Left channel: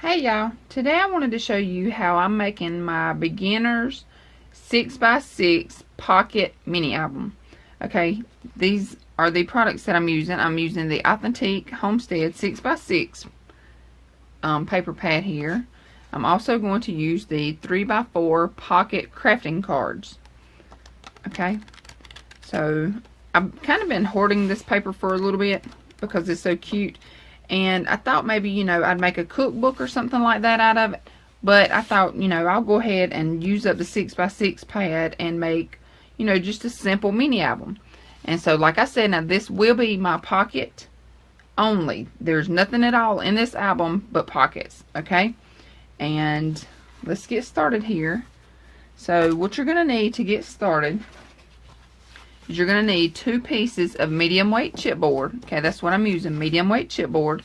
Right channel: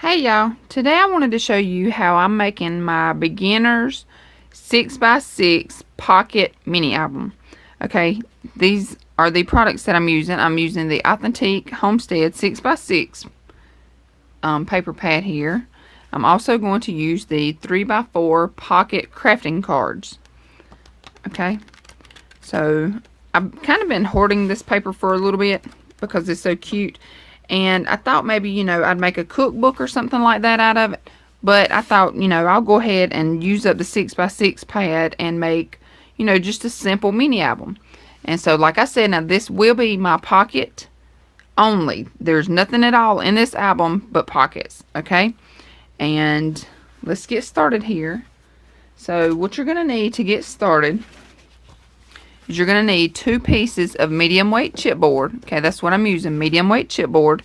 Hey y'all, today I wanted to show you how I'm making my beginner's 6x6 pocket mini album. Okay, these are the products that I'm using. I'm using the Authentic Homestead 6x6 paper pad here. I'm also going to use the 3x4 pocket crafting cards. Okay, so I've kind of been hoarding this paper for a little bit because it's so cute. And I thought maybe, I'd make a cookbook or something like that out of it. But I thought, I'll go ahead and use up the 6x6 pad and make, just a simple mini album. And so, like I said, now this will be my pocket only. There's nothing at all in this album but pockets, okay? And let's get started here. So, what you're going to need to get started is you're going to need 2 pieces of medium weight chipboard. Okay, that's what I'm using, medium weight chipboard.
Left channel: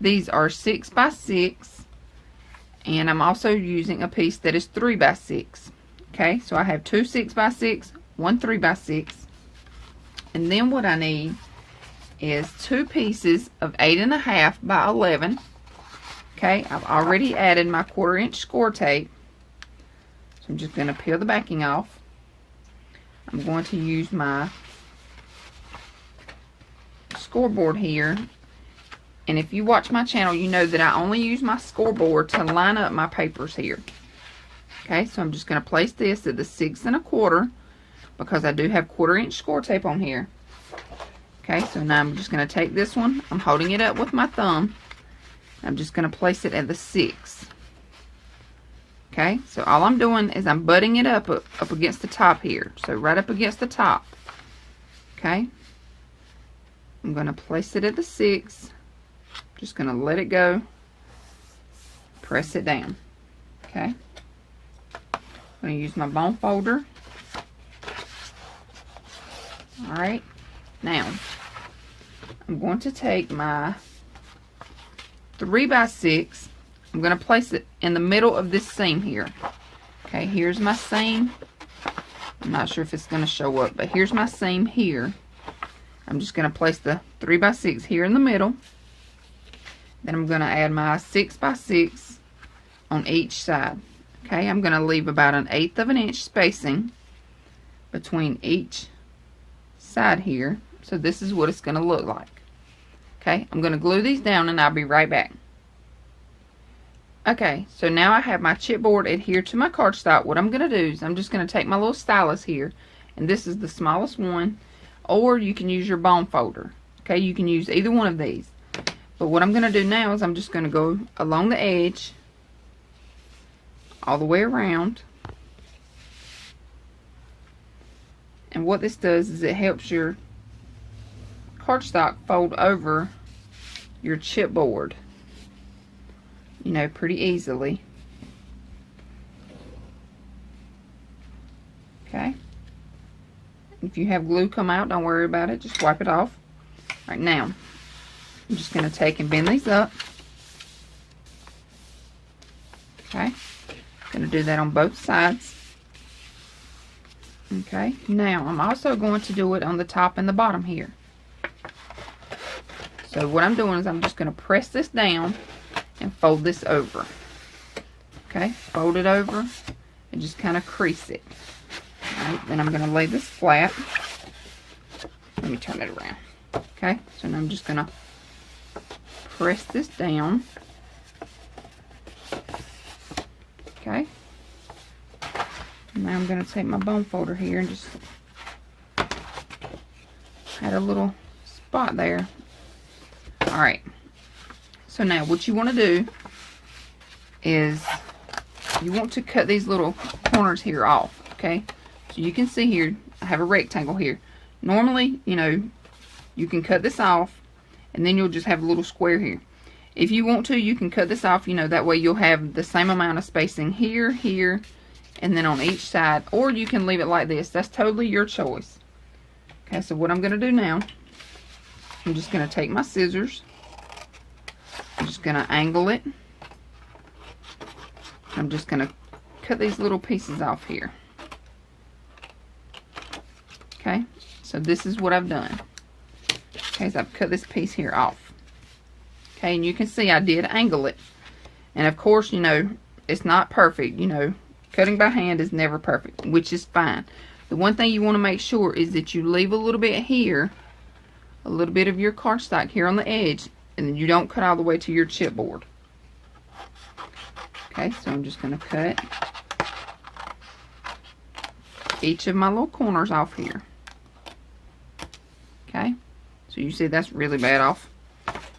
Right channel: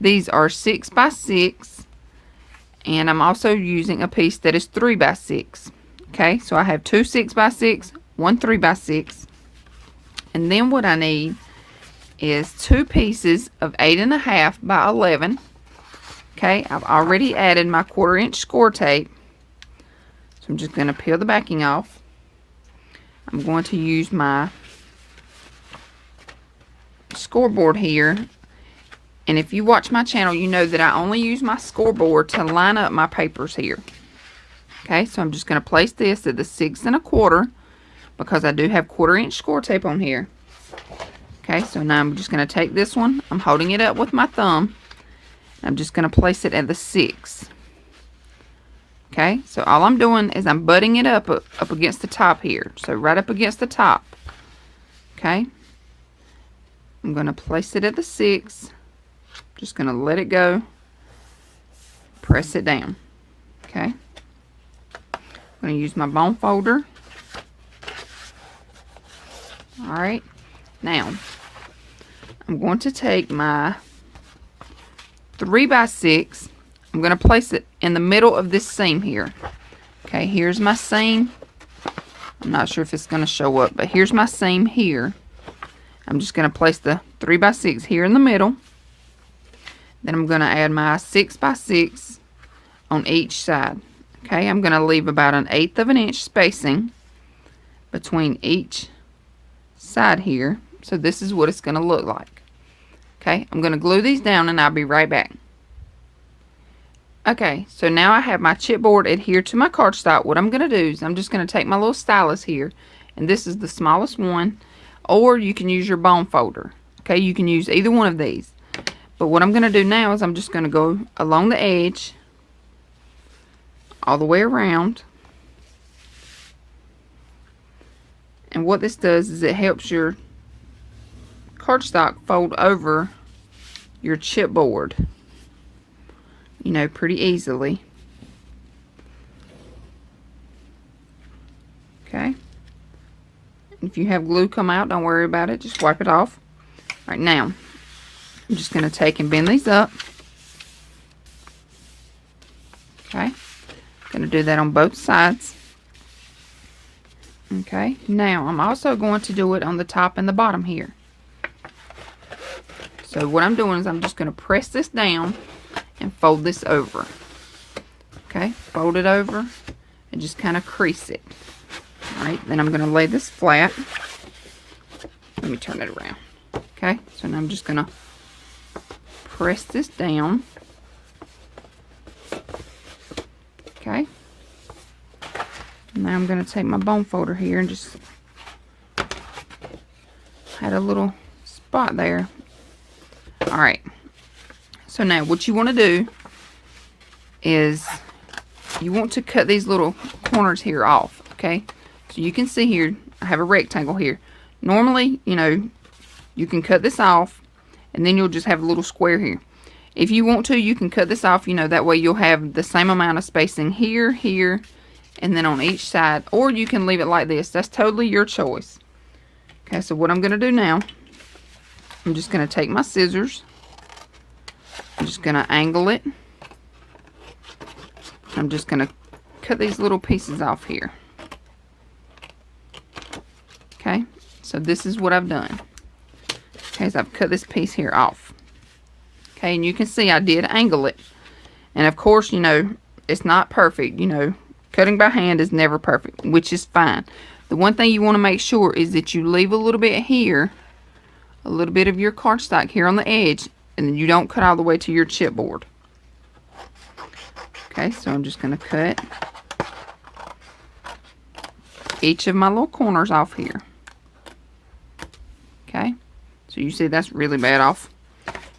These are 6x6, and I'm also using a piece that is 3x6. Okay, so I have 2 6x6, 1 3x6, and then what I need is 2 pieces of 8.5 by 11. Okay, I've already added my 1/4 inch score tape, so I'm just going to peel the backing off. I'm going to use my scoreboard here, and if you watch my channel, you know that I only use my scoreboard to line up my papers here. Okay, so I'm just going to place this at the 6 1/4 because I do have 1/4 inch score tape on here. Okay, so now I'm just going to take this one, I'm holding it up with my thumb, I'm just going to place it at the 6. Okay, so all I'm doing is I'm butting it up against the top here. So right up against the top. Okay. I'm going to place it at the 6. Just going to let it go. Press it down. Okay. I'm going to use my bone folder. Alright. Now, I'm going to take my 3x6. I'm going to place it in the middle of this seam here. Okay, here's my seam. I'm not sure if it's going to show up, but here's my seam here. I'm just going to place the 3x6 here in the middle. Then I'm going to add my 6x6 on each side. Okay, I'm going to leave about 1/8 of an inch spacing between each side here. So this is what it's going to look like. Okay, I'm going to glue these down and I'll be right back. Okay, so now I have my chipboard adhered to my cardstock. What I'm going to do is I'm just going to take my little stylus here, and this is the smallest one, or you can use your bone folder. Okay, you can use either one of these. But what I'm going to do now is I'm just going to go along the edge, all the way around. And what this does is it helps your cardstock fold over your chipboard, pretty easily. Okay. If you have glue come out, don't worry about it. Just wipe it off. Right now, I'm just going to take and bend these up. Okay. Going to do that on both sides. Okay. Now, I'm also going to do it on the top and the bottom here. So what I'm doing is I'm just going to press this down and fold this over. Okay, fold it over and just kind of crease it. Alright, then I'm going to lay this flat. Let me turn it around. Okay, so now I'm just going to press this down. Okay, now I'm going to take my bone folder here and just add a little spot there. Alright. So now what you want to do is you want to cut these little corners here off, okay? So you can see here, I have a rectangle here. Normally, you can cut this off and then you'll just have a little square here. If you want to, you can cut this off, that way you'll have the same amount of spacing here, here, and then on each side. Or you can leave it like this. That's totally your choice. Okay, so what I'm going to do now, I'm just going to take my scissors. I'm just going to angle it. I'm just going to cut these little pieces off here. Okay, so this is what I've done. Okay, so I've cut this piece here off. Okay, and you can see I did angle it. And of course, you know, it's not perfect. You know, cutting by hand is never perfect, which is fine. The one thing you want to make sure is that you leave a little bit here, a little bit of your cardstock here on the edge, and then you don't cut all the way to your chipboard. Okay, so I'm just going to cut each of my little corners off here. Okay, so you see that's really bad off.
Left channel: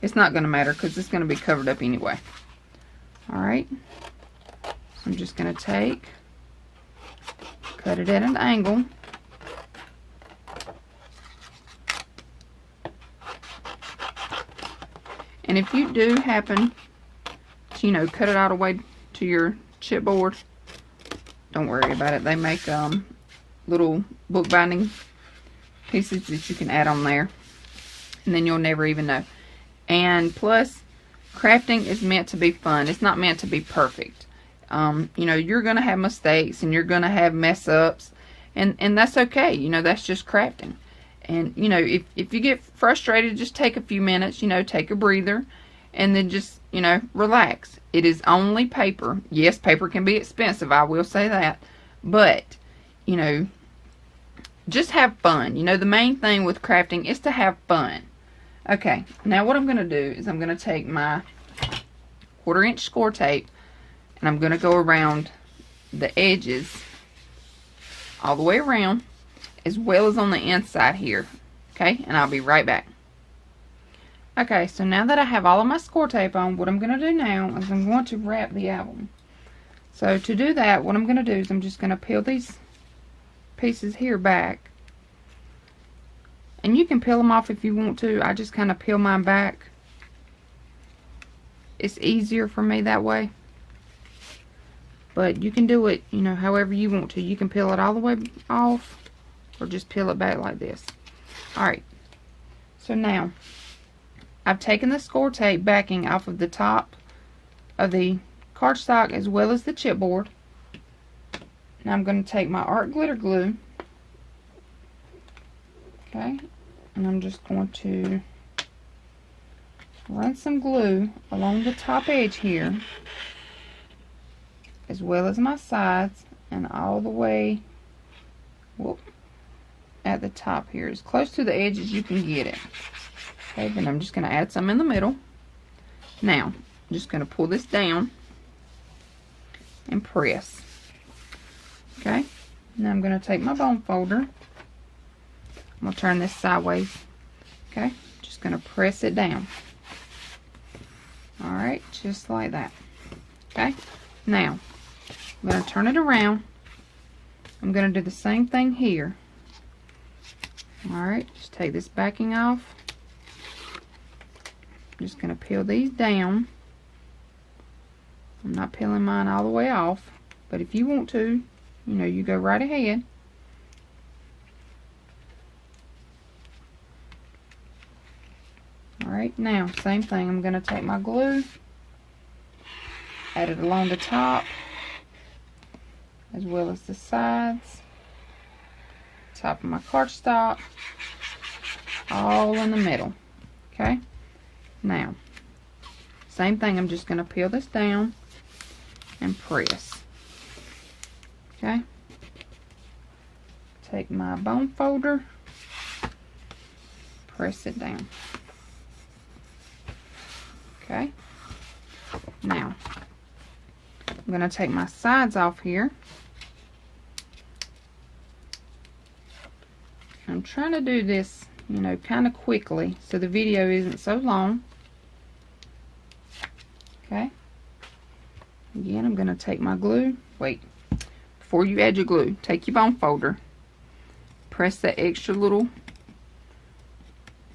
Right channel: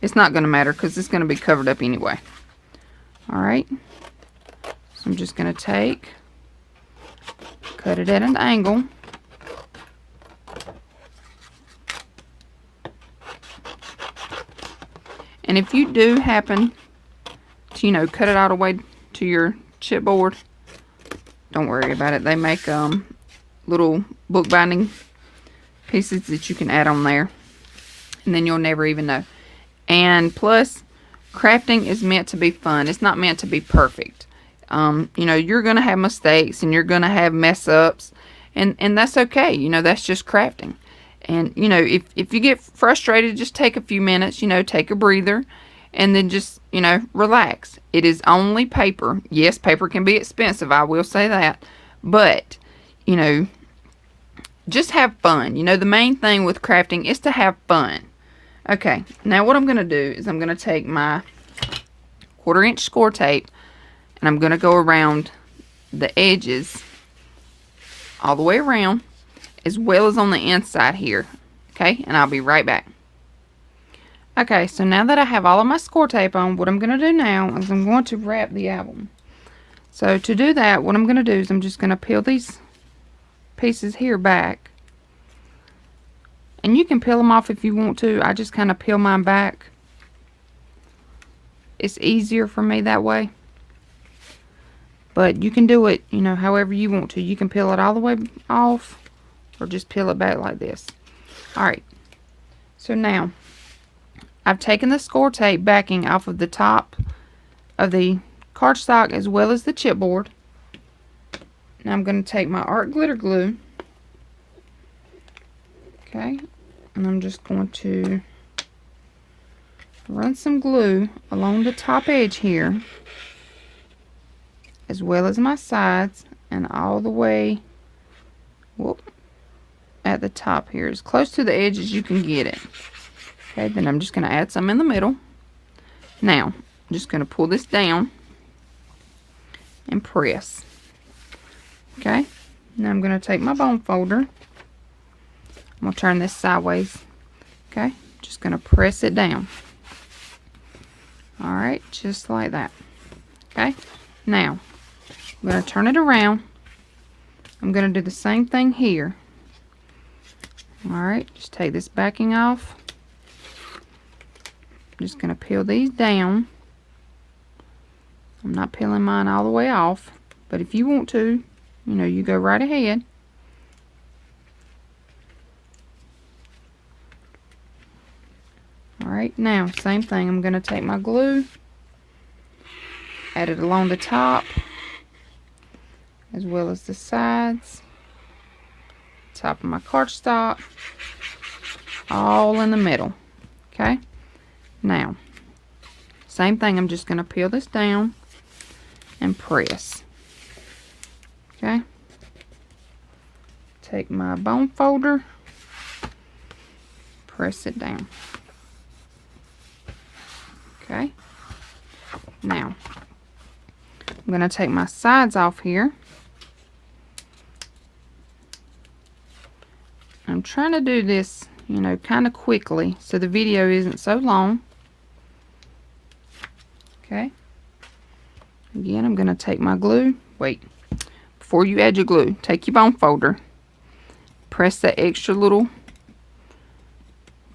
It's not going to matter because it's going to be covered up anyway. Alright, so I'm just going to cut it at an angle. And if you do happen to, you know, cut it all the way to your chipboard, don't worry about it. They make little bookbinding pieces that you can add on there, and then you'll never even know. And plus, crafting is meant to be fun. It's not meant to be perfect. You know, you're gonna have mistakes and you're gonna have mess ups, and that's okay. You know, that's just crafting. And you know, if you get frustrated, just take a few minutes, you know, take a breather, and then just, you know, relax. It is only paper. Yes, paper can be expensive, I will say that, but you know, just have fun. You know, the main thing with crafting is to have fun. Okay, now what I'm going to do is I'm going to take my 1/4 inch score tape and I'm going to go around the edges all the way around, as well as on the inside here. Okay, and I'll be right back. Okay, so now that I have all of my score tape on, what I'm going to do now is I'm going to wrap the album. So to do that, what I'm going to do is I'm just going to peel these pieces here back. And you can peel them off if you want to. I just kind of peel mine back. It's easier for me that way. But you can do it, you know, however you want to. You can peel it all the way off, or just peel it back like this. Alright, so now I've taken the score tape backing off of the top of the cardstock as well as the chipboard. Now I'm going to take my art glitter glue, okay, and I'm just going to run some glue along the top edge here, as well as my sides, and all the way, whoop, at the top here, as close to the edge as you can get it. Okay, then I'm just going to add some in the middle. Now, I'm just going to pull this down and press. Okay, now I'm going to take my bone folder. I'm going to turn this sideways. Okay, just going to press it down. Alright, just like that. Okay, now I'm going to turn it around. I'm going to do the same thing here. Alright, just take this backing off. I'm just going to peel these down. I'm not peeling mine all the way off, but if you want to, you know, you go right ahead. Alright, now, same thing. I'm going to take my glue, add it along the top, as well as the sides, top of my cardstock, all in the middle. Okay, now, same thing. I'm just going to peel this down and press. Okay, take my bone folder, press it down. Okay, now I'm going to take my sides off here. I'm trying to do this, you know, kind of quickly so the video isn't so long. Okay, again, I'm going to take my glue. Wait, before you add your glue, take your bone folder, press that extra little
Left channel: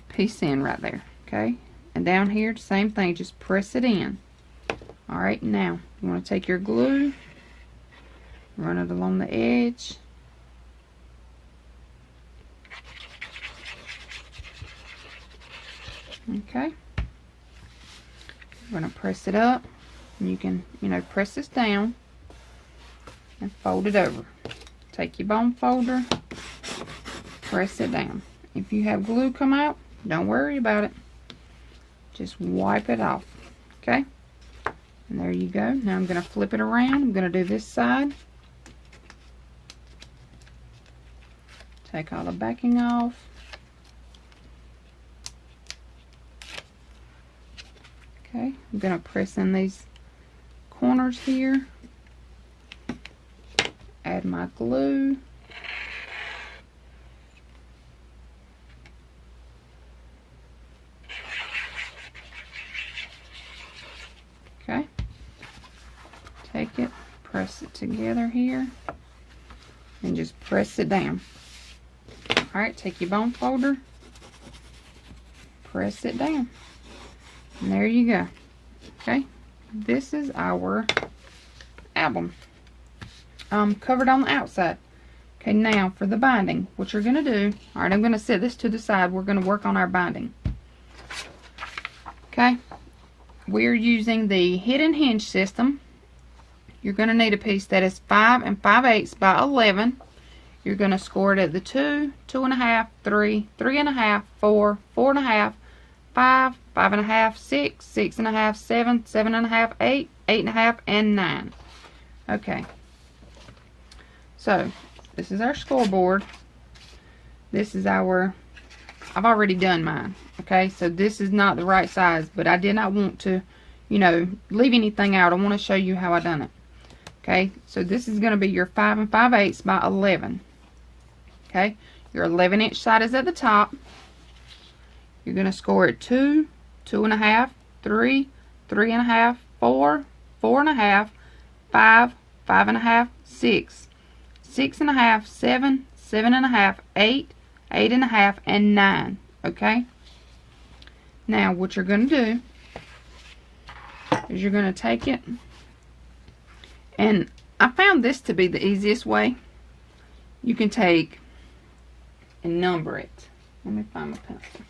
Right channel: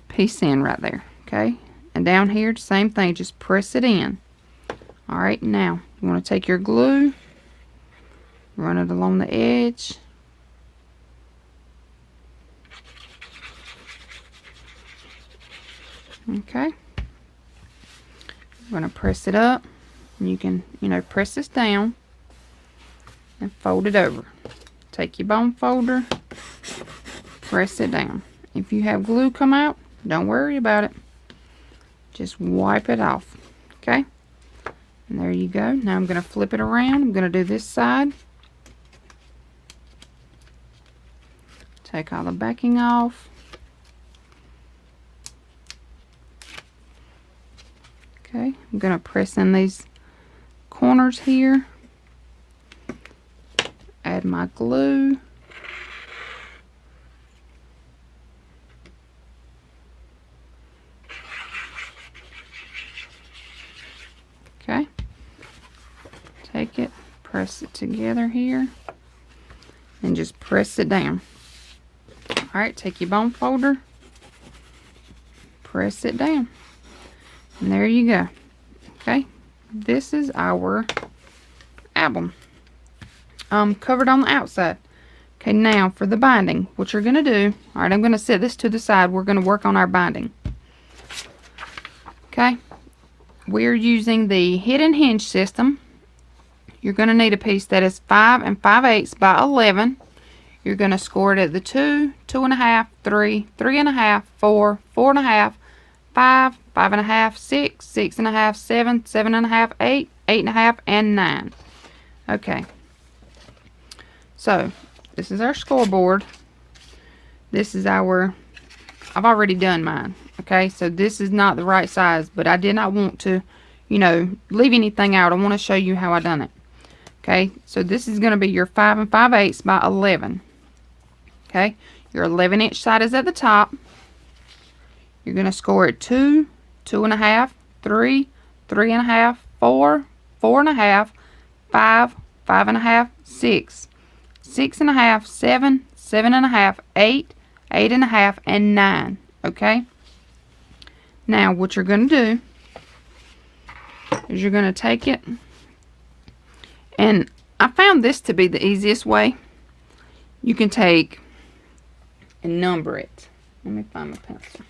piece in right there. Okay, and down here, the same thing, just press it in. Alright, now you want to take your glue, run it along the edge. Okay, I'm going to press it up, and you can, you know, press this down and fold it over. Take your bone folder, press it down. If you have glue come out, don't worry about it. Just wipe it off. Okay, And there you go. Now I'm going to flip it around. I'm going to do this side. Take all the backing off. Okay, I'm going to press in these corners here. Add my glue. Okay, take it, press it together here, and just press it down. Alright, take your bone folder, press it down, and there you go. Okay, this is our album. Covered on the outside. Okay, now for the binding, what you're going to do, alright, I'm going to set this to the side. We're going to work on our binding. Okay, we're using the hidden hinge system. You're going to need a piece that is 5 5/8 by 11. You're going to score it at the 2, 2.5, 3, 3.5, 4, 4.5, 5, 5.5, 6, 6.5, 7, 7.5, 8, 8.5, and 9. Okay. So, this is our scoreboard. This is our, I've already done mine. Okay, so this is not the right size, but I did not want to, you know, leave anything out. I want to show you how I done it. Okay, so this is going to be your 5 5/8 by 11. Okay, your 11-inch side is at the top. You're going to score it 2, 2.5, 3, 3.5, 4, 4.5, 5, 5.5, 6, 6.5, 7, 7.5, 8, 8.5, and 9. Okay. Now what you're going to do is you're going to take it, and I found this to be the easiest way. You can take and number it. Let me find my pencil.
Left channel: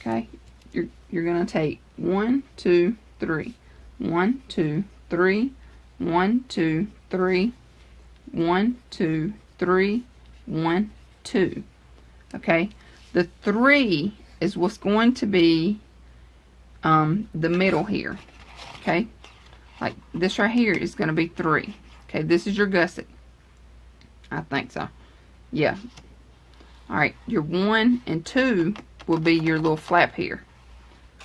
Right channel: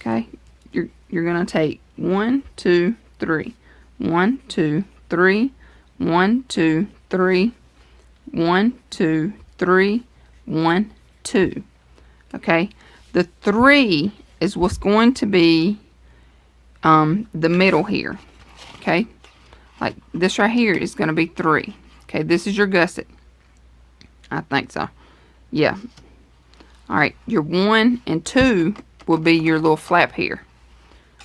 Okay, you're going to take 1, 2, 3, 1, 2, 3, 1, 2, 3, 1, 2, 3, 1, 2. Okay, the 3 is what's going to be the middle here. Okay, like this right here is going to be 3. Okay, this is your gusset. I think so. Yeah. Alright, your 1 and 2 will be your little flap here.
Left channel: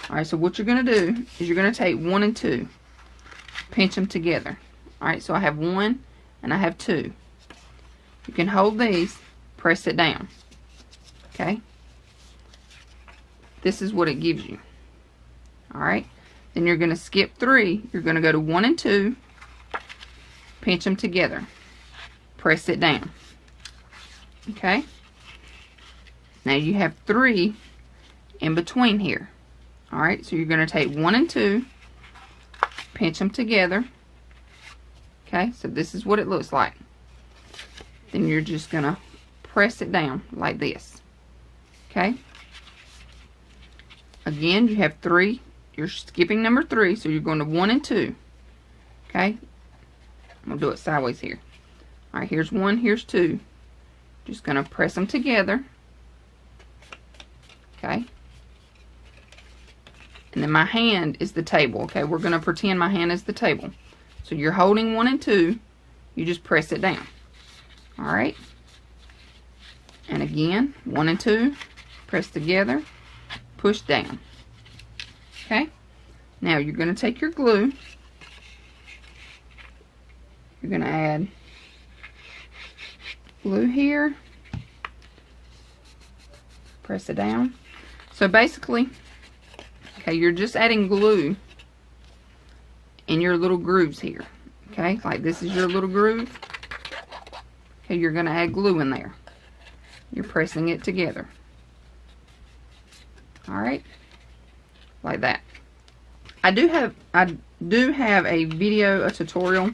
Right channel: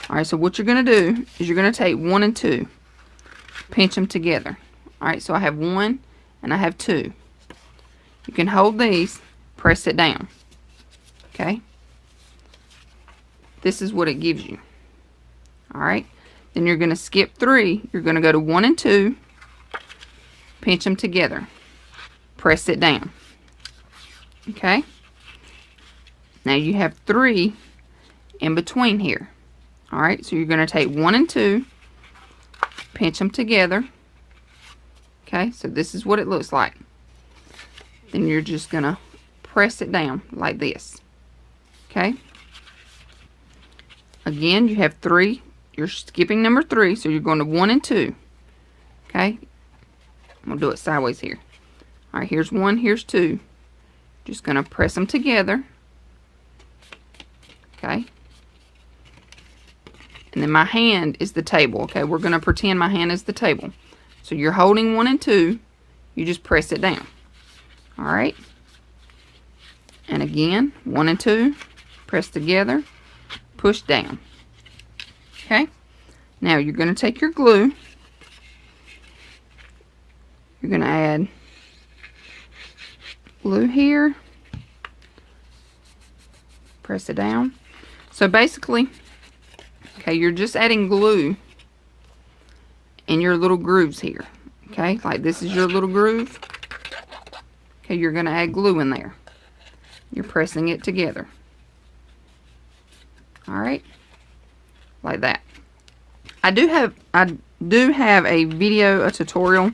Alright, so what you're going to do is you're going to take 1 and 2, pinch them together. Alright, so I have 1 and I have 2. You can hold these, press it down. Okay, this is what it gives you. Alright, then you're going to skip 3. You're going to go to 1 and 2, pinch them together, press it down. Okay, now you have 3 in between here. Alright, so you're going to take 1 and 2, pinch them together. Okay, so this is what it looks like. Then you're just going to press it down like this. Okay, again you have 3. You're skipping number 3, so you're going to 1 and 2. Okay, I'm going to do it sideways here. Alright, here's 1, here's 2. Just going to press them together. Okay, and then my hand is the table. Okay, we're going to pretend my hand is the table. So you're holding 1 and 2, you just press it down. Alright, and again 1 and 2, press together, push down. Okay, now you're going to take your glue, you're going to add glue here, press it down. So basically, okay, you're just adding glue in your little grooves here. Okay, like this is your little groove. Okay, you're going to add glue in there. You're pressing it together. Alright, like that. I do have a video, a tutorial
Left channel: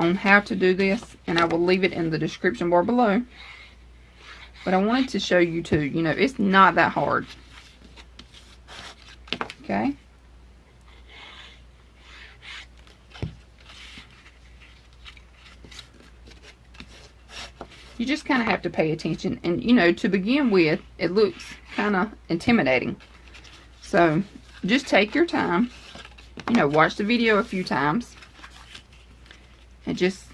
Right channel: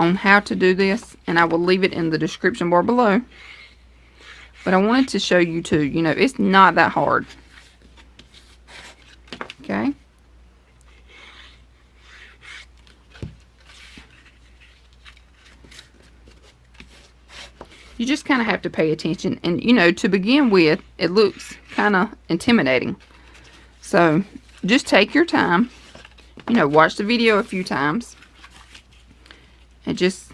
on how to do this, and I will leave it in the description bar below. But I wanted to show you too, you know, it's not that hard. Okay. You just kind of have to pay attention, and you know, to begin with, it looks kind of intimidating. So just take your time you know, watch the video a few times and just,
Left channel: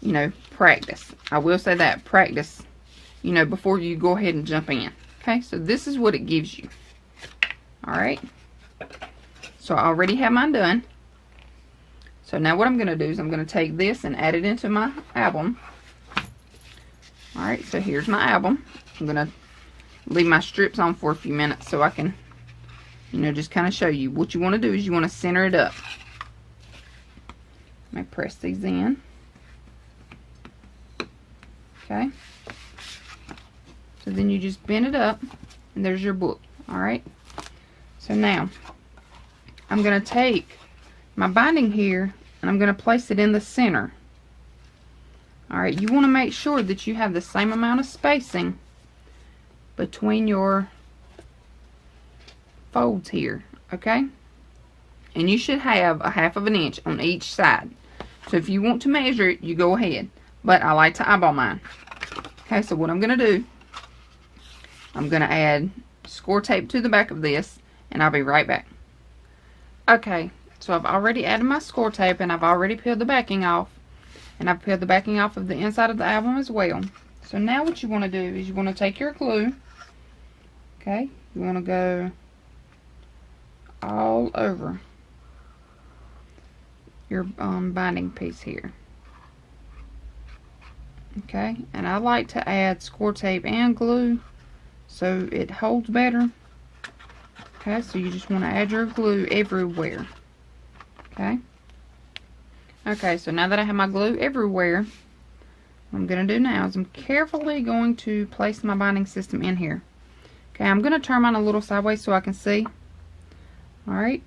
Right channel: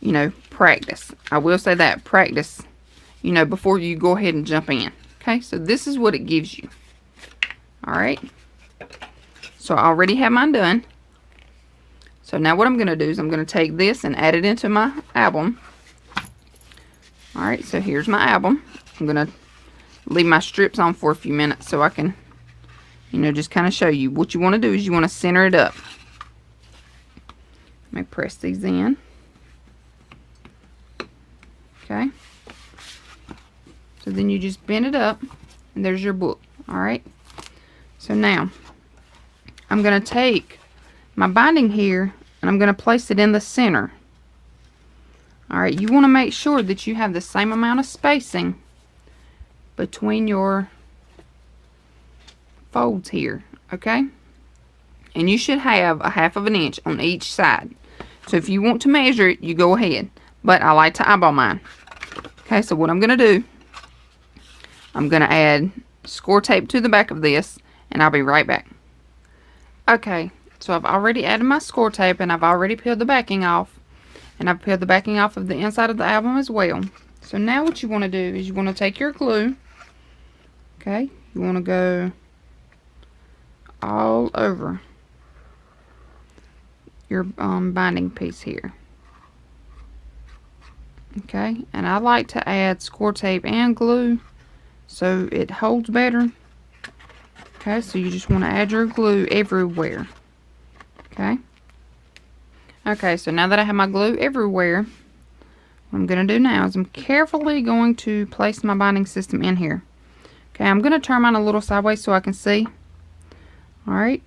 you know, practice. I will say that, practice, you know, before you go ahead and jump in. Okay, so this is what it gives you. Alright, so I already have mine done. So now what I'm going to do is I'm going to take this and add it into my album. Alright, so here's my album. I'm going to leave my strips on for a few minutes so I can, you know, just kind of show you. What you want to do is you want to center it up. Let me press these in. Okay. So then you just bend it up and there's your book. Alright. So now I'm going to take my binding here and I'm going to place it in the center. Alright, you want to make sure that you have the same amount of spacing between your folds here, okay? And you should have a 1/2 inch on each side. So if you want to measure it, you go ahead. But I like to eyeball mine. Okay, so what I'm going to do, I'm going to add score tape to the back of this, and I'll be right back. Okay, so I've already added my score tape, and I've already peeled the backing off. And I've peeled the backing off of the inside of the album as well. So now what you want to do is you want to take your glue. Okay, you want to go all over your binding piece here. Okay, and I like to add score tape and glue so it holds better. Okay, so you just want to add your glue everywhere. Okay. Okay, so now that I have my glue everywhere, what I'm going to do now is I'm carefully going to place my binding system in here. Okay, I'm going to turn mine a little sideways so I can see. Alright.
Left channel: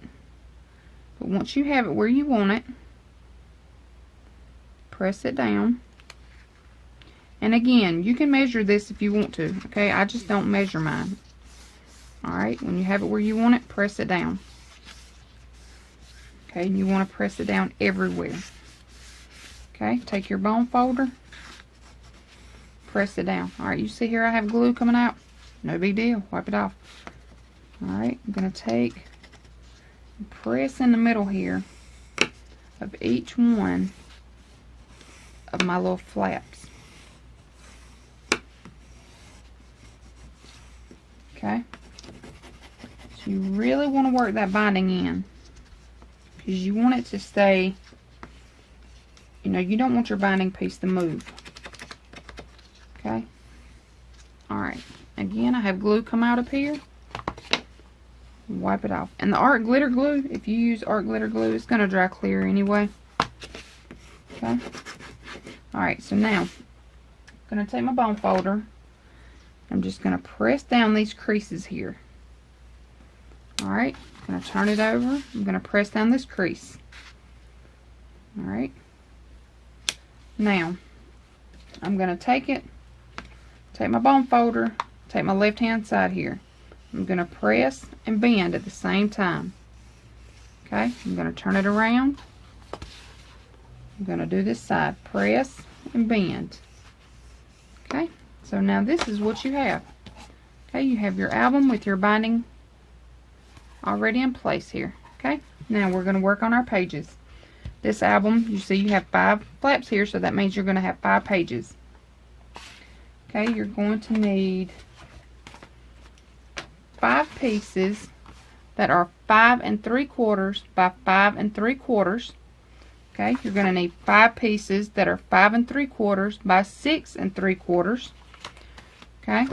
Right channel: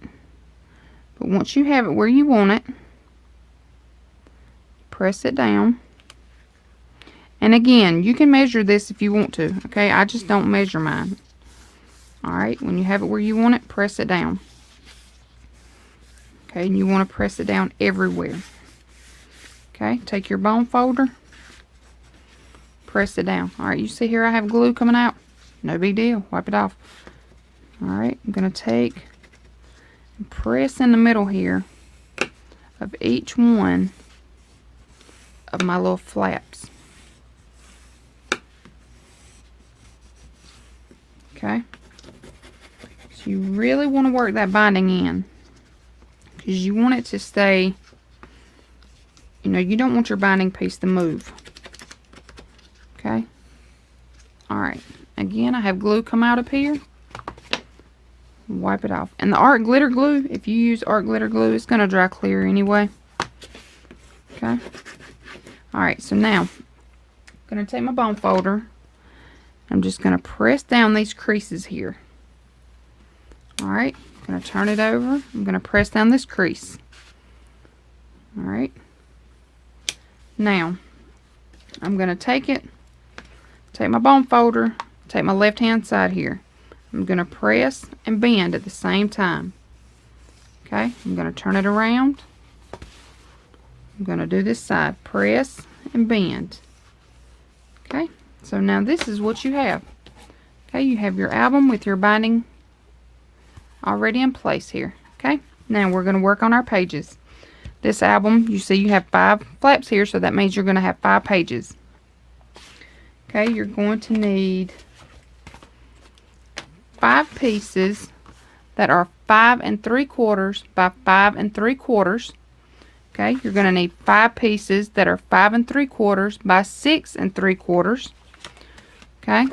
But once you have it where you want it, press it down. And again, you can measure this if you want to. Okay, I just don't measure mine. Alright, when you have it where you want it, press it down. Okay, and you want to press it down everywhere. Okay, take your bone folder, press it down. Alright, you see here I have glue coming out? No big deal, wipe it off. Alright, I'm going to take and press in the middle here of each one of my little flaps. Okay, so you really want to work that binding in, because you want it to stay, you know, you don't want your binding piece to move. Okay. Alright. Again, I have glue come out up here. Wipe it off. And the art glitter glue, if you use art glitter glue, it's going to dry clear anyway. Okay. Alright, so now, I'm going to take my bone folder. I'm just going to press down these creases here. Alright. I'm going to turn it over. I'm going to press down this crease. Alright. Now, I'm going to take my bone folder, take my left hand side here. I'm going to press and bend at the same time. Okay, I'm going to turn it around. I'm going to do this side, press and bend. Okay, so now this is what you have. Okay, you have your album with your binding already in place here. Okay, now we're going to work on our pages. This album, you see you have 5 flaps here, so that means you're going to have 5 pages. Okay, you're going to need 5 pieces that are 5 3/4 by 5 3/4. Okay, you're going to need 5 pieces that are 5 3/4 by 6 3/4. Okay,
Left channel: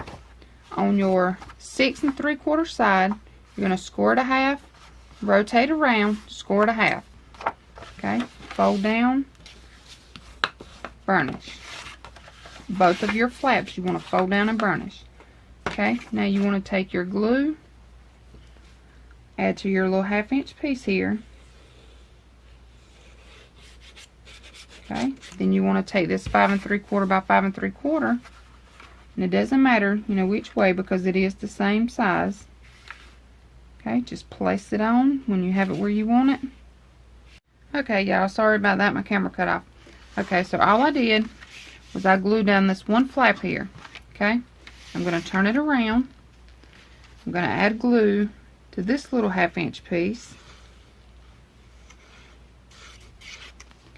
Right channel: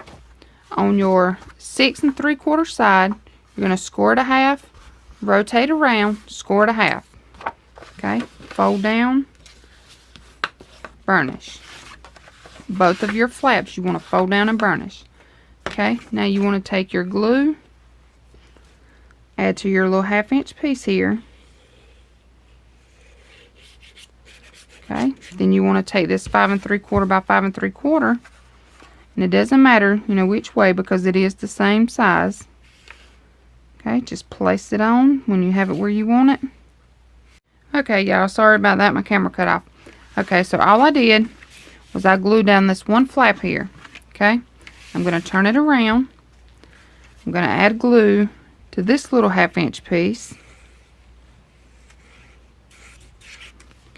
on your 6 3/4 side, you're going to score it a half, rotate around, score it a half. Okay, fold down, burnish. Both of your flaps you want to fold down and burnish. Okay, now you want to take your glue, add to your little 1/2 inch piece here. Okay, then you want to take this 5 3/4 by 5 3/4, and it doesn't matter, you know, which way, because it is the same size. Okay, just place it on when you have it where you want it. Okay, y'all, sorry about that, my camera cut off. Okay, so all I did was I glued down this one flap here. Okay, I'm going to turn it around. I'm going to add glue to this little 1/2 inch piece.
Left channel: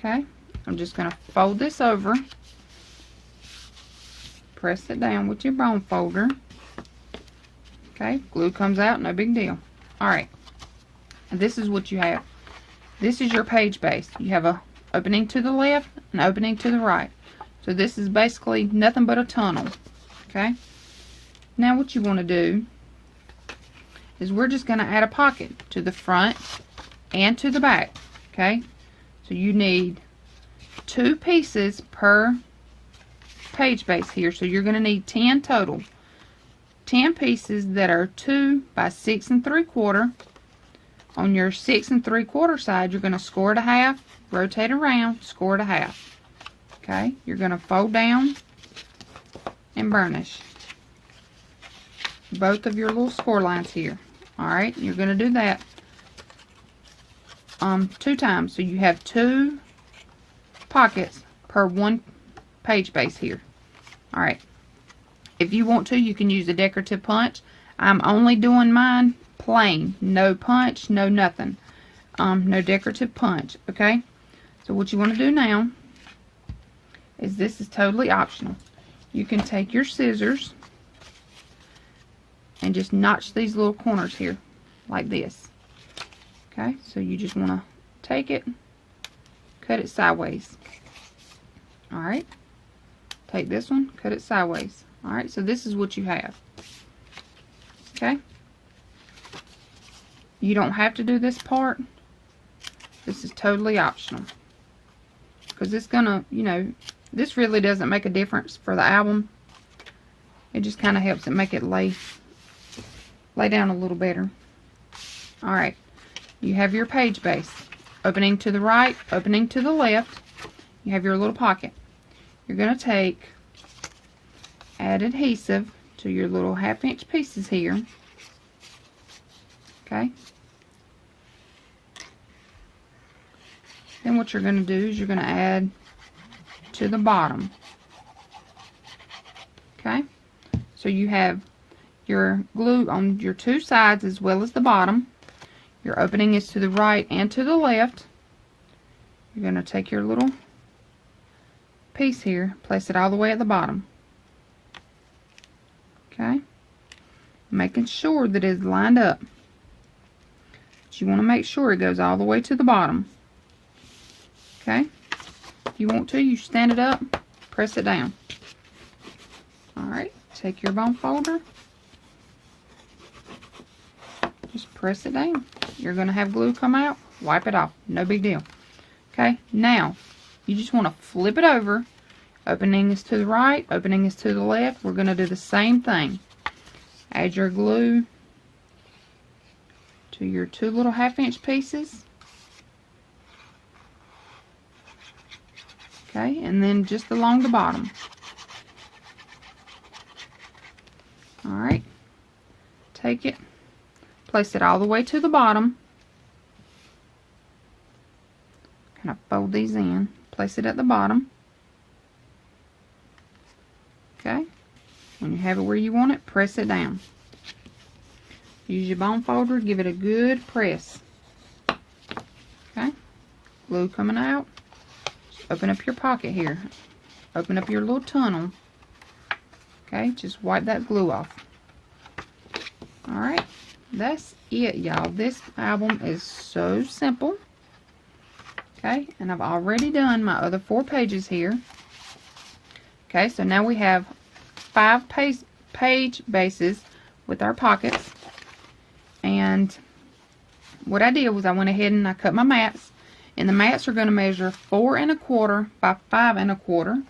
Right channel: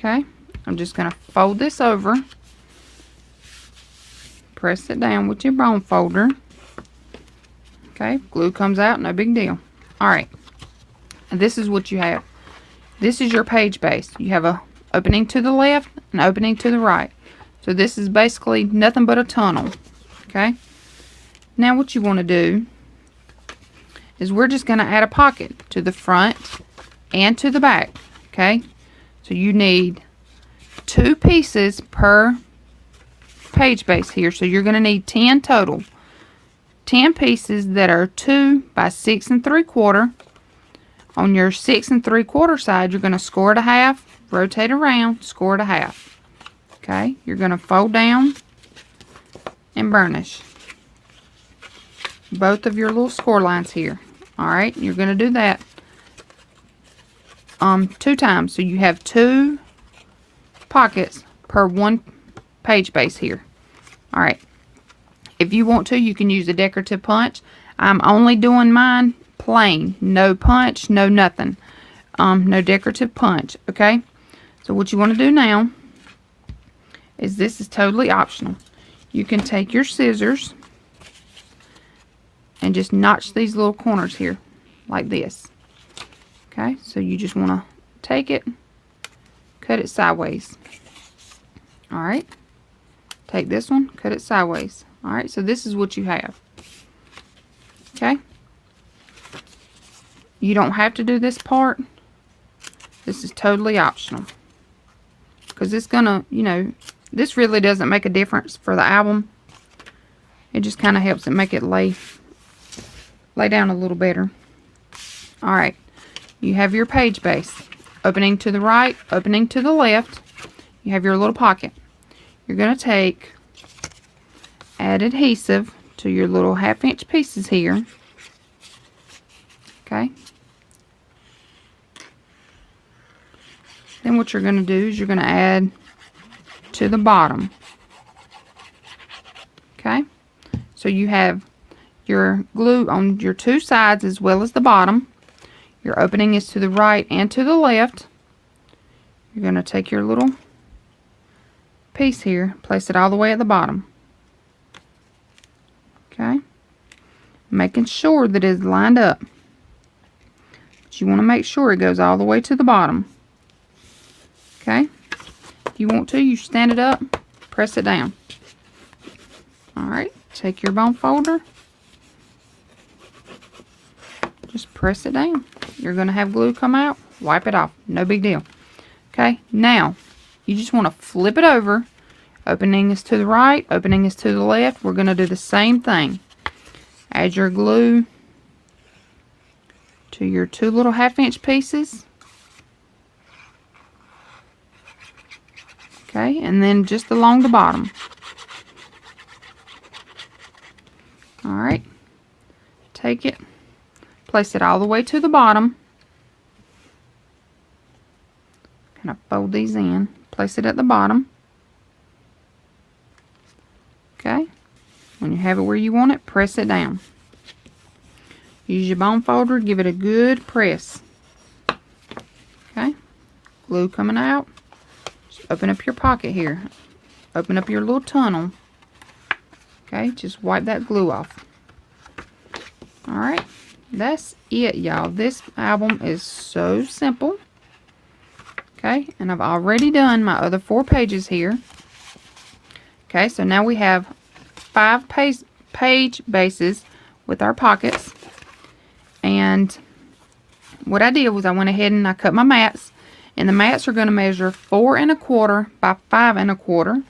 Okay, I'm just going to fold this over. Press it down with your bone folder. Okay, glue comes out, no big deal. Alright, and this is what you have. This is your page base. You have a opening to the left and opening to the right. So this is basically nothing but a tunnel. Okay, now what you want to do is we're just going to add a pocket to the front and to the back. Okay, so you need 2 pieces per page base here, so you're going to need 10 total. 10 pieces that are 2 by 6 3/4. On your 6 3/4 side, you're going to score it a half, rotate around, score it a half. Okay, you're going to fold down and burnish both of your little score lines here. Alright, you're going to do that 2 times, so you have 2 pockets per 1 page base here. Alright, if you want to, you can use a decorative punch. I'm only doing mine plain, no punch, no nothing, no decorative punch. Okay, so what you want to do now is, this is totally optional. You can take your scissors and just notch these little corners here like this. Okay, so you just want to take it, cut it sideways. Alright, take this one, cut it sideways. Alright, so this is what you have. Okay, you don't have to do this part. This is totally optional, because it's gonna, you know, this really doesn't make a difference for the album. It just kind of helps it make it lay down a little better. Alright, you have your page base. Opening to the right, opening to the left. You have your little pocket. You're going to take, add adhesive to your little 1/2 inch pieces here. Okay. Then what you're going to do is you're going to add to the bottom. Okay. So you have your glue on your 2 sides as well as the bottom. Your opening is to the right and to the left. You're going to take your little piece here, place it all the way at the bottom. Okay, making sure that it's lined up. But you want to make sure it goes all the way to the bottom. Okay, if you want to, you stand it up, press it down. Alright, take your bone folder, just press it down. You're going to have glue come out, wipe it off, no big deal. Okay, now you just want to flip it over. Opening is to the right, opening is to the left. We're going to do the same thing. Add your glue to your 2 little 1/2 inch pieces. Okay, and then just along the bottom. Alright, take it, place it all the way to the bottom. Kind of fold these in, place it at the bottom. Okay, when you have it where you want it, press it down. Use your bone folder, give it a good press. Okay, glue coming out. Just open up your pocket here. Open up your little tunnel. Okay, just wipe that glue off. Alright, that's it, y'all. This album is so simple. Okay, and I've already done my other 4 pages here. Okay, so now we have 5 page bases with our pockets. And what I did was I went ahead and I cut my mats. And the mats are going to measure 4 1/4 by 5 1/4.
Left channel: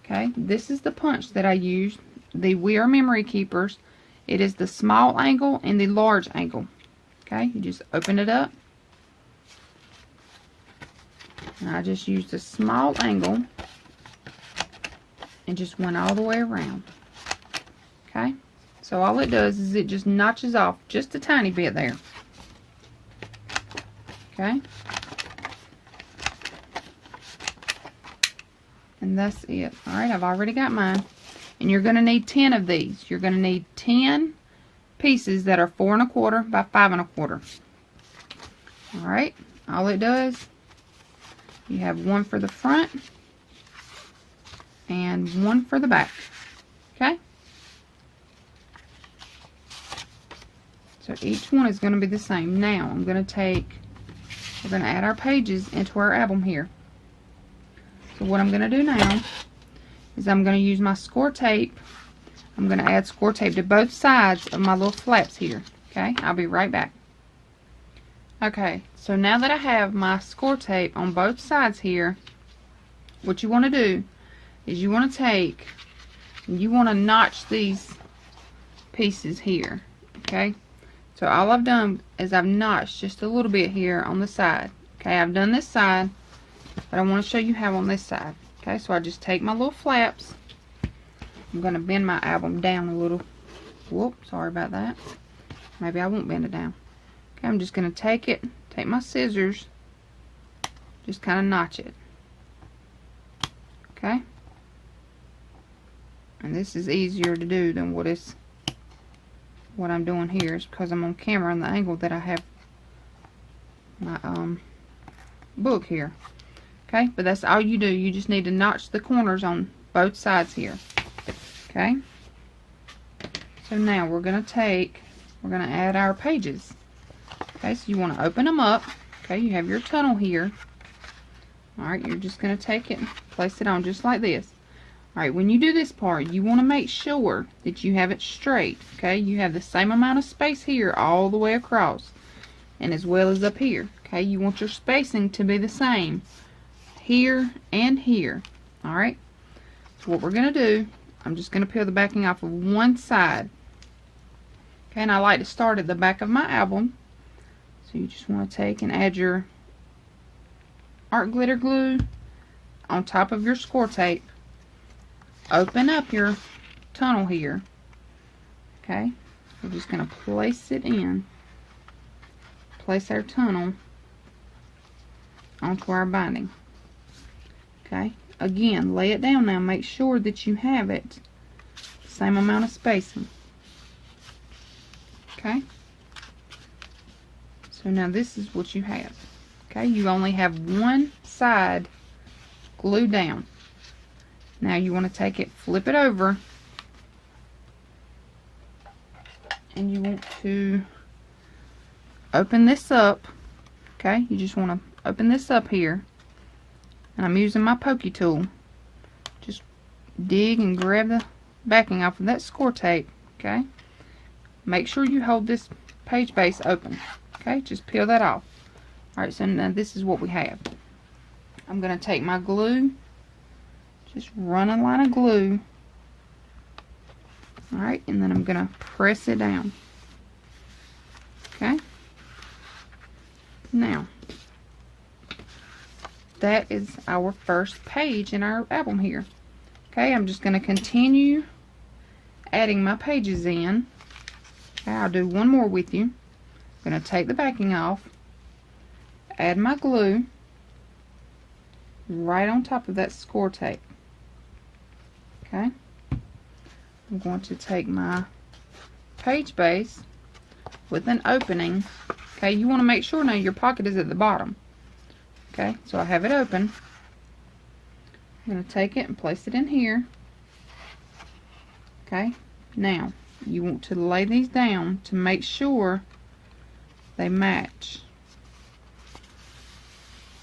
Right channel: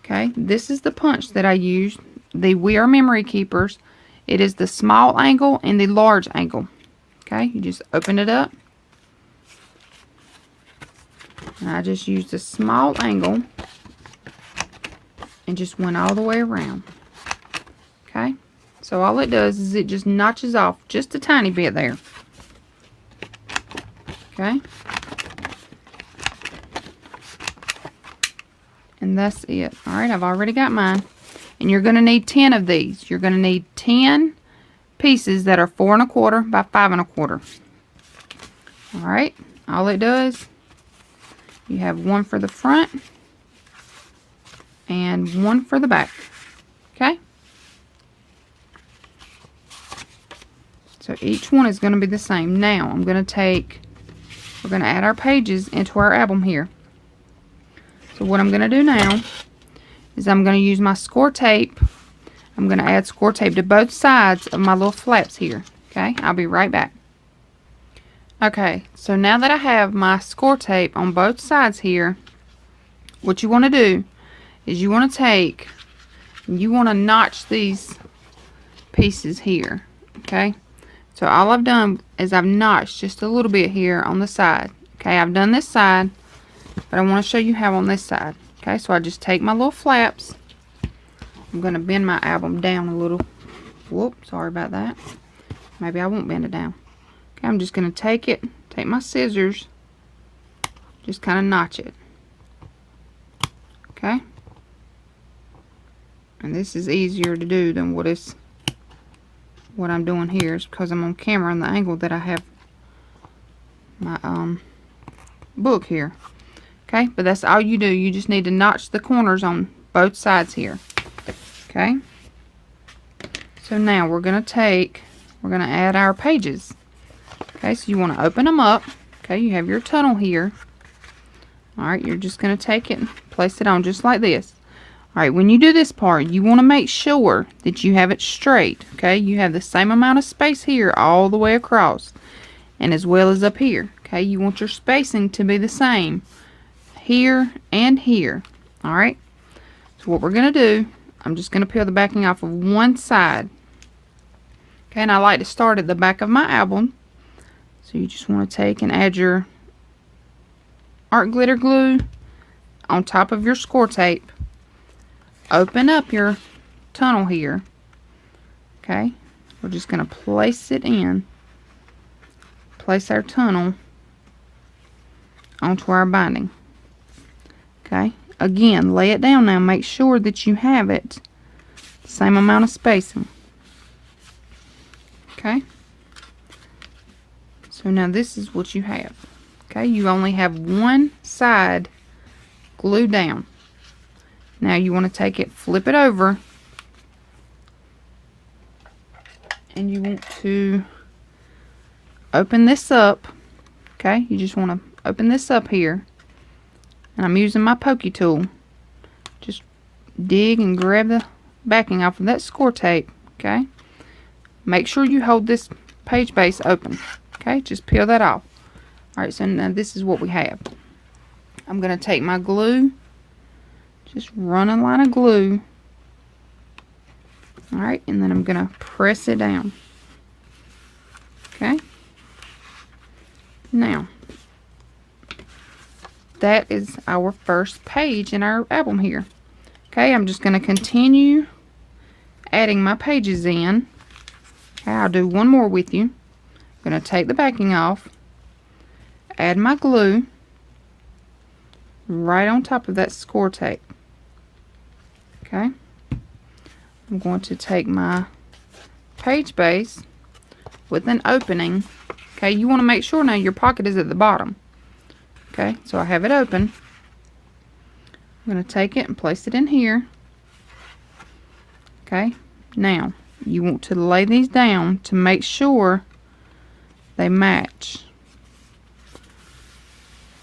Okay, this is the punch that I used. The We Are Memory Keepers. It is the small angle and the large angle. Okay, you just open it up. And I just used a small angle and just went all the way around. Okay, so all it does is it just notches off just a tiny bit there. Okay, and that's it. Alright, I've already got mine. And you're going to need 10 of these. You're going to need 10 pieces that are 4 1/4 by 5 1/4. Alright, all it does You have one for the front and one for the back. Okay? So each one is going to be the same. Now we're going to add our pages into our album here. So what I'm going to do now is I'm going to use my score tape. I'm going to add score tape to both sides of my little flaps here. Okay, I'll be right back. Okay, so now that I have my score tape on both sides here, what you want to do is you want to notch these pieces here. Okay, so all I've done is I've notched just a little bit here on the side. Okay, I've done this side, but I want to show you how on this side. Okay, so I just take my little flaps. I'm going to bend my album down a little. Whoop, sorry about that. Maybe I won't bend it down. Okay, I'm just going to take my scissors, just kind of notch it. Okay? And this is easier to do than what I'm doing here, is because I'm on camera and the angle that I have my book here. Okay, but that's all you do. You just need to notch the corners on both sides here. Okay? So now we're going to add our pages. Okay, so you want to open them up. Okay, you have your tunnel here. Alright, you're just going to take it and place it on just like this. Alright, when you do this part, you want to make sure that you have it straight. Okay, you have the same amount of space here all the way across, and as well as up here. Okay, you want your spacing to be the same here and here. Alright, so what we're going to do, I'm just going to peel the backing off of one side. Okay, and I like to start at the back of my album. So you just want to take and add your art glitter glue on top of your score tape. Open up your tunnel here. Okay, we're just going to place it in. Place our tunnel onto our binding. Okay, again, lay it down now. Make sure that you have it the same amount of spacing. Okay. So now this is what you have. Okay, you only have one side glued down. Now you want to take it, flip it over, and you want to open this up. Okay, you just want to open this up here. And I'm using my pokey tool. Just dig and grab the backing off of that score tape. Okay, make sure you hold this page base open. Okay, just peel that off. Alright, so now this is what we have. I'm going to take my glue, just run a line of glue. Alright, and then I'm going to press it down. Okay, now that is our first page in our album here. Okay, I'm just going to continue adding my pages in. Okay, I'll do one more with you. I'm going to take the backing off, add my glue right on top of that score tape. Okay, I'm going to take my page base with an opening. Okay, you want to make sure now your pocket is at the bottom. Okay, so I have it open. I'm going to take it and place it in here. Okay, now you want to lay these down to make sure they match.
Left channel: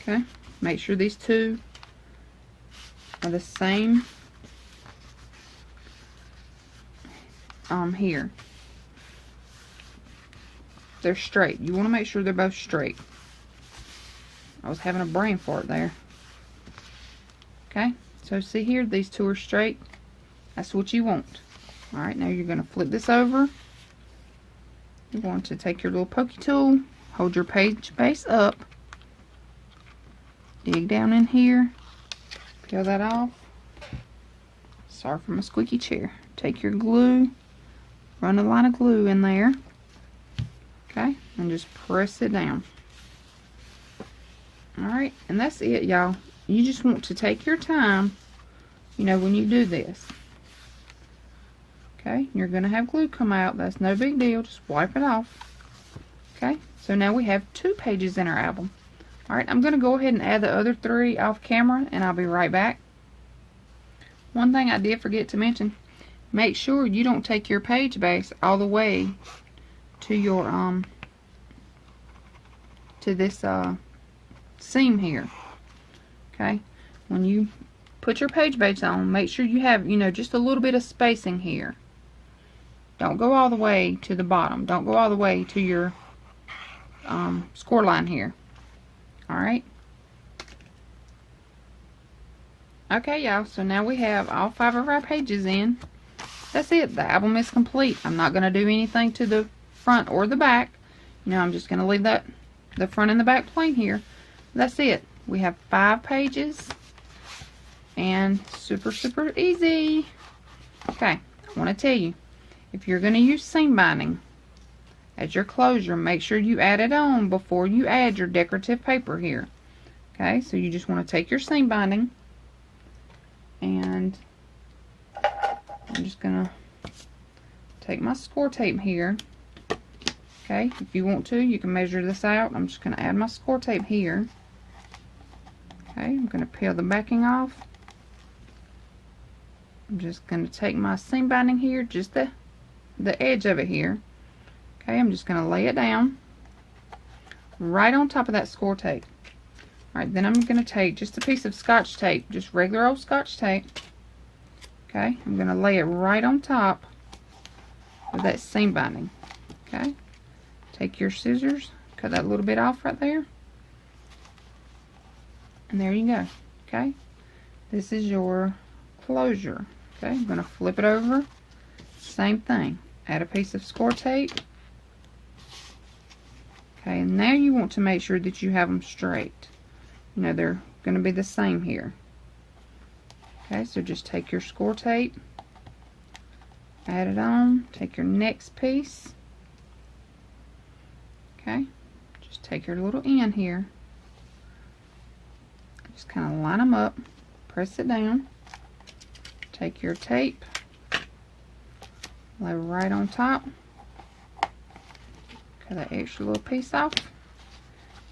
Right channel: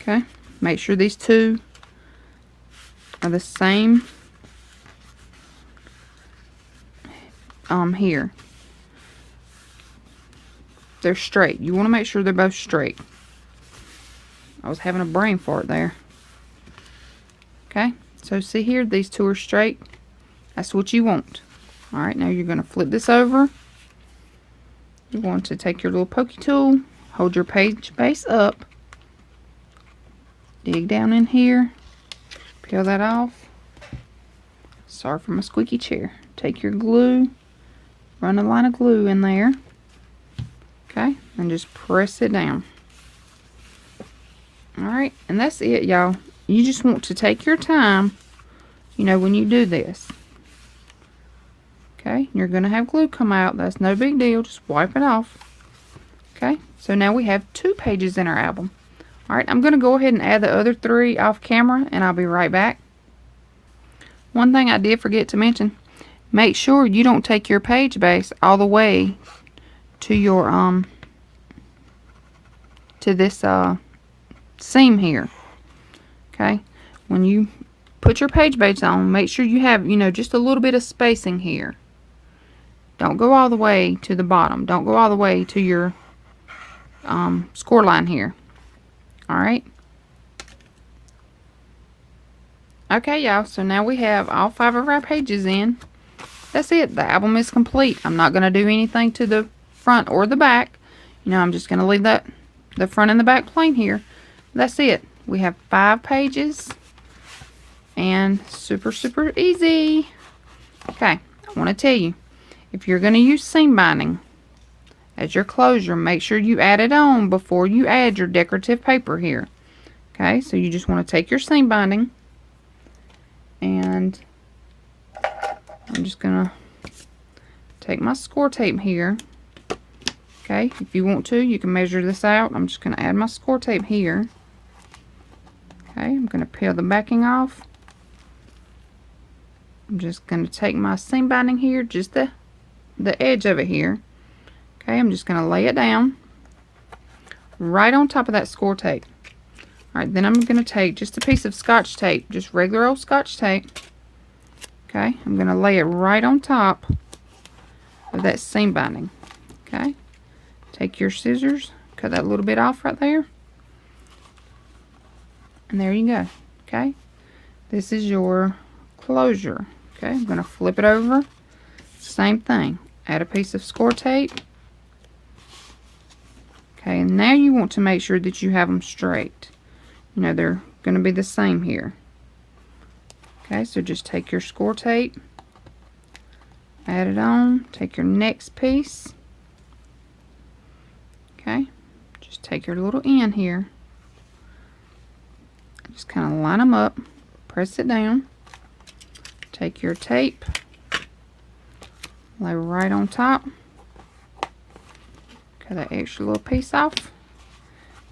Okay, make sure these two are the same here. They're straight. You want to make sure they're both straight. I was having a brain fart there. Okay, so see here, these two are straight. That's what you want. Alright, now you're going to flip this over. You're going to take your little pokey tool, hold your page base up, dig down in here, peel that off. Sorry for my squeaky chair. Take your glue, run a line of glue in there. Okay, and just press it down. Alright, and that's it, y'all. You just want to take your time, you know, when you do this. Okay, you're going to have glue come out. That's no big deal. Just wipe it off. Okay, so now we have 2 pages in our album. Alright, I'm going to go ahead and add the other 3 off camera, and I'll be right back. One thing I did forget to mention, make sure you don't take your page base all the way to your to this seam here. Okay, when you put your page base on, make sure you have, you know, just a little bit of spacing here. Don't go all the way to the bottom. Don't go all the way to your score line here. Alright. Okay, y'all, so now we have all 5 of our pages in. That's it. The album is complete. I'm not going to do anything to the front or the back. You know, I'm just going to leave that the front and the back plain here. That's it. We have 5 pages. And super, super easy. Okay, I want to tell you, if you're going to use seam binding as your closure, make sure you add it on before you add your decorative paper here. Okay, so you just want to take your seam binding, and I'm just going to take my score tape here. Okay, if you want to, you can measure this out. I'm just going to add my score tape here. Okay, I'm going to peel the backing off. I'm just going to take my seam binding here, just the edge of it here. Okay, I'm just going to lay it down right on top of that score tape. Alright, then I'm going to take just a piece of Scotch tape, just regular old Scotch tape. Okay, I'm going to lay it right on top of that seam binding. Okay, take your scissors, cut that little bit off right there. And there you go. Okay, this is your closure. Okay, I'm going to flip it over. Same thing. Add a piece of score tape. Okay, and now you want to make sure that you have them straight. You know, they're going to be the same here. Okay, so just take your score tape, add it on, take your next piece. Okay, just take your little end here. Just kind of line them up, press it down, take your tape, lay right on top, cut that extra little piece off,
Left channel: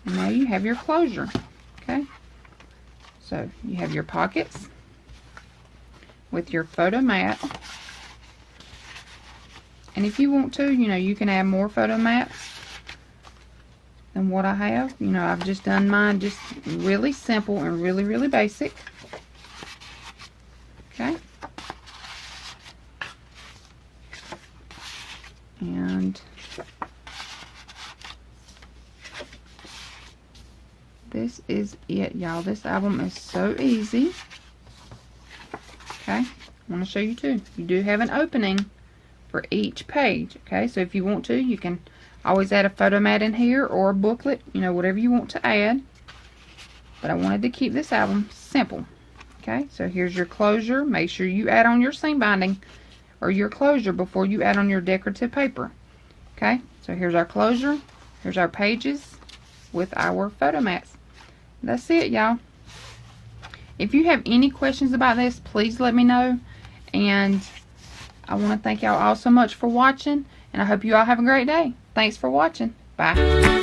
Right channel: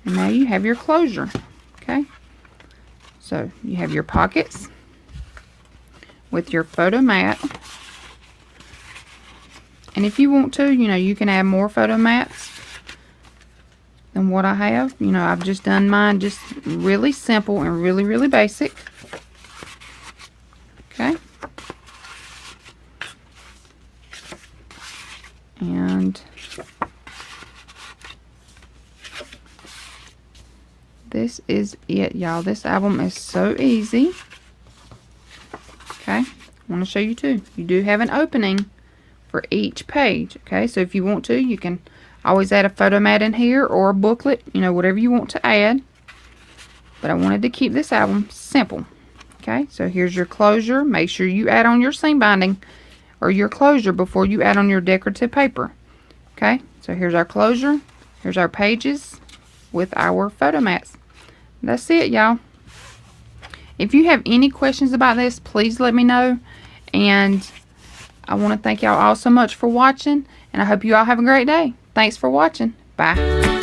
and now you have your closure. Okay, so you have your pockets with your photo mat, and if you want to, you know, you can add more photo mats than what I have. You know, I've just done mine just really simple and really, really basic. Okay, and this is it, y'all. This album is so easy. Okay, I want to show you too. You do have an opening for each page. Okay, so if you want to, you can always add a photo mat in here or a booklet, you know, whatever you want to add. But I wanted to keep this album simple. Okay, so here's your closure. Make sure you add on your seam binding or your closure before you add on your decorative paper. Okay, so here's our closure. Here's our pages with our photo mats. That's it, y'all. If you have any questions about this, please let me know. And I want to thank y'all all so much for watching. And I hope you all have a great day. Thanks for watching. Bye.